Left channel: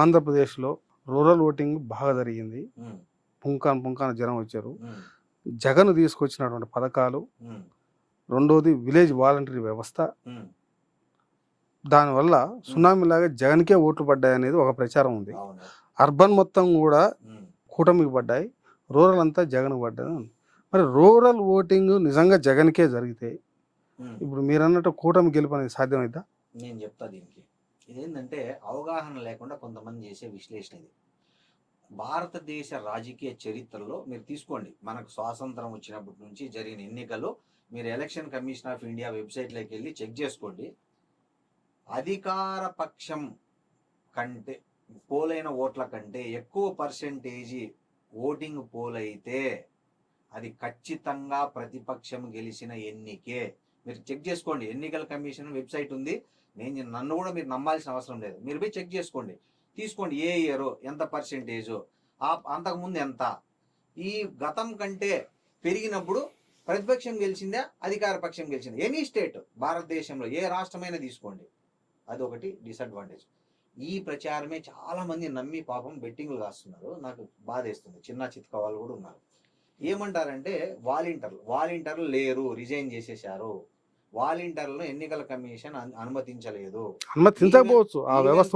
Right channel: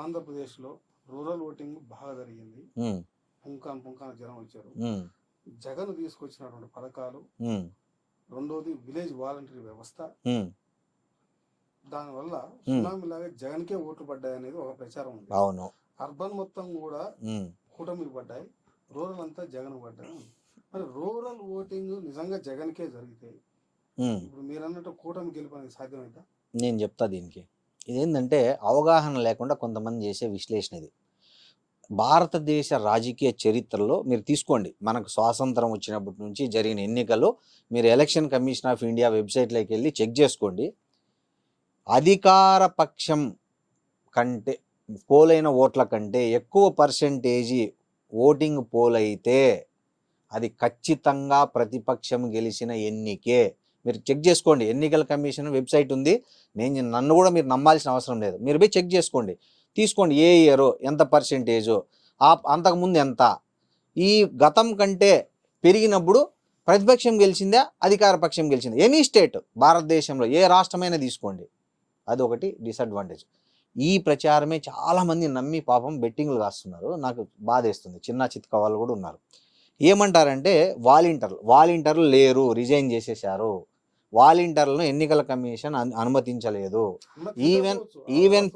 ఆంధ్రప్రదేశ్లో rural voting బాగా జరిగింది. పుంకాన్ పుంకాన జనం వచ్చారు. జగన్ తీసుకొచ్చినటువంటి పథకాలు రెండోది విలేజ్ వాలంటరీ వ్యవస్థ. దానివల్ల సునామీ లాగా జగన్కే ఓట్లు పడ్డాయి అనేది ఒక ప్రచారం ఉంది. అర్బన్ మొత్తం కూడా కూటమికి పడ్డాయి. రూరల్ అంతా జగన్ పడ్డాయి. మరి రూరల్ ఓటింగ్ నిజంగా జగన్కే జరిగితే. ఇప్పుడు మీరు అన్నట్టు కూటమి గెలుపు అనేది సాధ్యమైద్దా? నేను చెప్తా దీనికి. ఇదేంటంటే అవగాహన లేకుండా కొంతమంది చేసే విశ్లేషణ ఇది. భారతదేశ రాజకీయ చరిత్రలో మీరు తీసుకోండి. మనకు స్వాతంత్రం వచ్చినప్పటి నుంచి జరిగిన ఎన్నికలు మీరు ఎలక్షన్ కమిషన్ ఆఫ్ ఇండియా వెబ్సైట్లోకి వెళ్ళి చెక్ చేసుకోండి. అధికార పక్షం కంటే పోలైన ఓట్ల కంటే ఎక్కువ పర్సెంటేజీ ఓటింగ్ పోల్ అయితే అది ఖచ్చితంగా ప్రతిపక్షం గెలిచిన ఎన్నికే. మీరు చెక్ చేసుకోండి. ఎన్నికల కమిషన్ వెబ్సైట్ ఉంది. నేను నన్ను కూడా మీరు నమ్మాల్సిన అవసరం లేదు. మీరు పోయి చెక్ చేసుకోండి. తీసుకోండి. ఏ ఇయర్ ఎంత పర్సెంటేజు ఆ అంతకుముందు ఎంత? ఈ గతం కంటే పెరిగినప్పుడు ప్రతిపక్షం గెలిచిందా? అధికార పక్షం గెలిచిందా? ఎనీ స్టేట్ భారతదేశంలో ఏ రాష్ట్రమైనా తీసుకోండి. అదొకటి డిసడ్వాంటేజ్. ఈ ప్రచారమే చాలామంది నమ్మి పాపం బెట్టింగ్లు కాస్తున్నారు. నాకు బాధేస్తుంది. చిన్న చిత్క వాళ్ళు కూడా ఉన్నారు. ఏమంటారంటే వాలంటీర్లు వాలంటీర్లు లేరు రిజైన్ చేసేశారు. వాలంటీర్లను ఎన్నికల కమిషన్ అను- అనుమతించలేదు.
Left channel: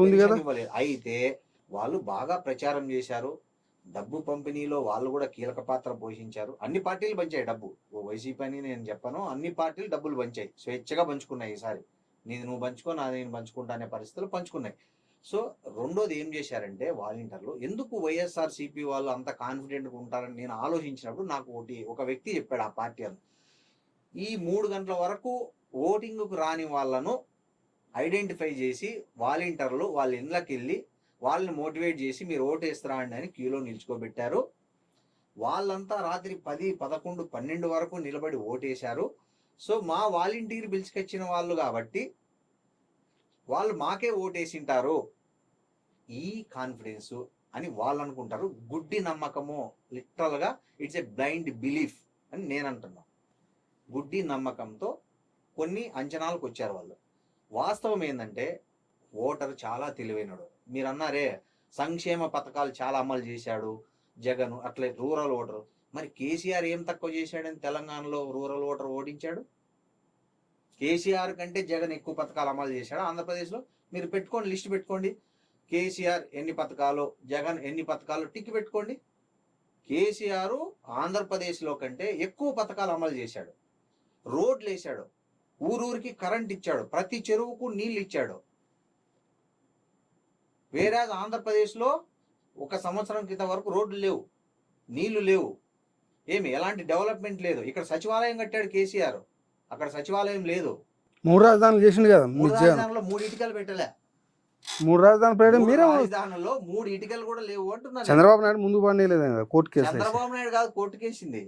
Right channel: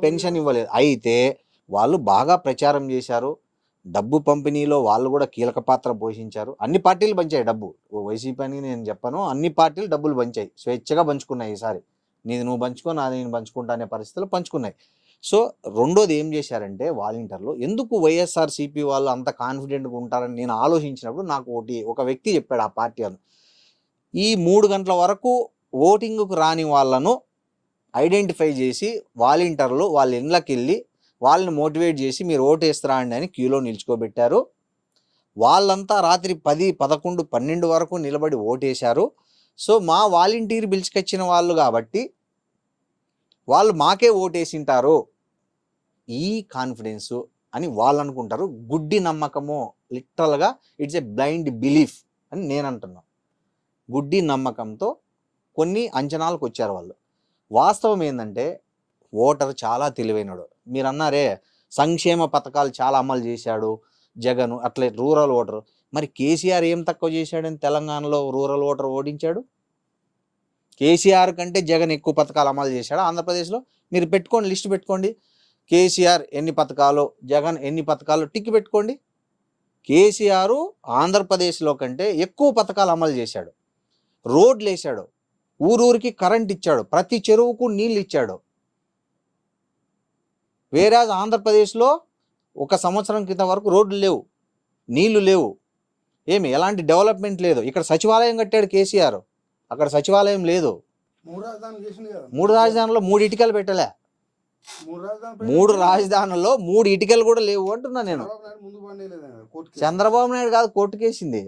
పెన్షన్. ఇవ్వలేదు. అయితే వాళ్ళు బాగా ప్రచారం చేశారు. డబ్బు పంపిణీలో వాళ్ళు కూడా కీలక పాత్ర పోషించారు. అన్ని పార్టీలు పంచాయి డబ్బు. వైసీపీ అని నేను చెప్పను. అన్ని పార్టీలు డబ్బులు పంచాయి. స్వేచ్ఛగా పంచుకున్నాయి ఈసారి. నీది నువ్వు పంచుకో నాది నేను పంచుకుంటా అనే పరిస్థితులు పంచుకున్నాయి. సో రెండోది ఏం చేశారంటే వాలంటీర్లు ఎందుకు వైఎస్ఆర్ సిపి వాళ్ళు అంత కాన్ఫిడెంట్గా ఉంటారని నేను ఆలోచించినప్పుడు నాకు ఒకటి ఒక వ్యక్తి చెప్పాడు ఆ పార్టీ అని ఈ మూడు గంటల వరకు ఓటింగ్కు రాని వాళ్ళను ఐడెంటిఫై చేసి వాలంటీర్లు వాళ్ళ ఇండ్లకి వెళ్ళి వాళ్ళని మోటివేట్ చేసి మీరు ఓటు వేస్తారా అండి అని క్యూలో నిల్చుకోబెట్టారు. వాళ్ళంతా రాత్రి పది పదకొండు పన్నెండు వరకు నిలబడి ఓటేశారు సో మా వాలంటీర్ పిలుచుకొచ్చిన వాళ్ళు కాబట్టి వాళ్ళు మాకే ఓటేసింటారు ఈ కాన్ఫిడెన్సు అని వాళ్ళు అనుకుంటారు గుడ్డి నమ్మకము లిటరల్గా ఇట్స్ ఎ బ్లైండ్ బిలీఫ్ అని నేను అంటున్నాను గుడ్డి నమ్మకంతో కొన్ని అంచనాలకు వచ్చారు వాళ్ళు. వాస్తవం ఏంటంటే ఓటర్ చాలా తెలివైనడు. మీరు అన్నారే సంక్షేమ పథకాలు చాలా అమలు చేశాడు జగన్ అట్లే రూరల్ ఓటర్. మరి కేసీఆర్ ఏం తక్కువ చేశాడని తెలంగాణలో రూరల్ ఓటర్ ఓడించాడు? కేసీఆర్ కంటే జగన్ ఎక్కువ పథకాలు అమలు చేశాడు? ఆంధ్రప్రదేశ్లో? మీరు పెట్టుకోండి లిస్ట్ పెట్టుకోండి. కేసీఆర్ ఎన్ని పథకాలు జగన్ ఎన్ని పథకాలు టిక్ పెట్టుకోండి. కేసీఆర్ ఆంధ్రప్రదేశ్లో కంటే ఎక్కువ పథకాలు అమలు చేశాడు. రోడ్లు వేశాడు ఊరూరికి కరెంట్ ఇచ్చాడు ప్రతి చెరువుకు నీళ్ళు ఇచ్చాడు వేరే ఆంధ్రప్రదేశ్లో ఒక సంవత్సరం క్రితం వరకు రోడ్లు లేవు. నీళ్ళు లేవు. ఏమి ఎలాంటి డెవలప్మెంట్ లేదు. ఇక్కడ సచివాలయం కట్టాడు కేసీఆర్. అక్కడ సచివాలయం లేదు. మూడు రాజధానులు చేసిండు కదా మూడు రాజధానుల్లో మూడు ఇటుకలు పెట్టలే. మూడు రాజధాని మూడు రాజధానుల్లో మూడు ఇటుకలు కూడా లేవు అంటున్నా నేను. చంద్రబాబు నాయుడు ముందు పడలేదు కోర్టు చంద్రబాబు నాయుడు కాదు కోర్టుకేసింది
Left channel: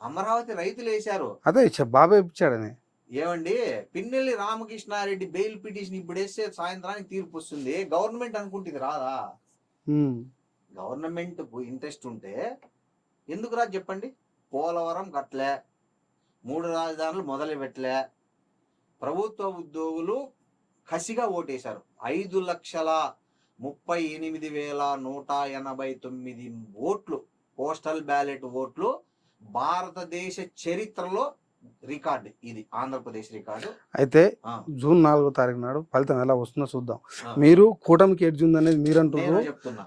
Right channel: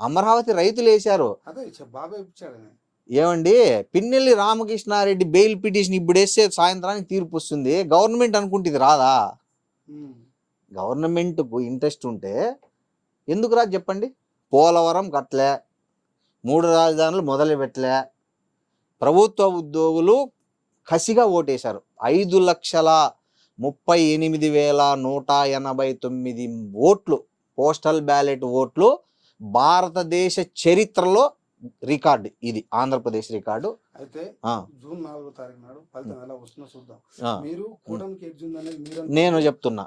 అమరావతి రైతులు వేశారు. అదే ఇచ్చా- బాబాయ్ ఇప్పించాడని ఏమండి? పిన్నెల్లి రామకృష్ణారెడ్డి బెయిల్ పిటిషన్ ఇప్పుడు వేస్తే సాయంత్రానికి తీర్పు వస్తుంది. గవర్నమెంట్ అనుకుంటుంది రాదా. గవర్నమెంట్ ఇంట్రెస్ట్ ఉంటే ఎందుకు రాదు చెప్పండి? పోలవరం కట్టలే మూడు రాజధానులు మొదలు పెట్టలే. ప్రభుత్వ ఉద్యోగులు కసిగా ఓటేశారు. ఐదు లక్షల ముప్పై ఎనిమిది వేల నూట ఎనభై తొమ్మిది ఓట్లు పోస్టల్ బ్యాలెట్ ఓట్లు భారతదేశ చరిత్రలో రికార్డు ఇది ఆంధ్రప్రదేశ్ రికార్డు. అయితే జూన్ నాలుగో తారీఖు నాడు ఫలితం ఎలా వస్తుందో చూద్దాం. మీరు కూటమికి ఎడ్జ్ ఉందనేది మీరు నేను చెప్తున్నా.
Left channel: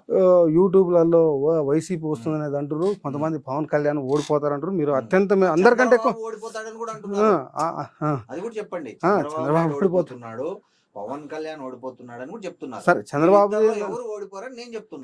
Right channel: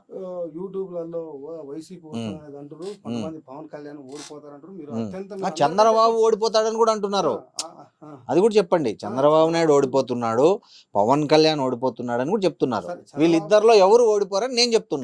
యూట్యూబ్లలో వైసీపీ వస్తుంది అనేది అంటారు కొంతమంది పవన్ కళ్యాణ్ ఓడిపోతారు అంటారు మీరు. అత్యంత ఓడిపోతాడని కూడా అంటున్నారు. అది కూడా చెప్పండి. చంద్రబాబు నాయుడు ఓడిపోతు- ఓడిపోతున్నాడు పవన్ కళ్యాణ్ ఓడిపోతున్నాడు అని కూడా చెప్తున్నారు. సరే చంద్రబాబు ఎవరు ఓడిపోరని నేను చెప్తున్నా.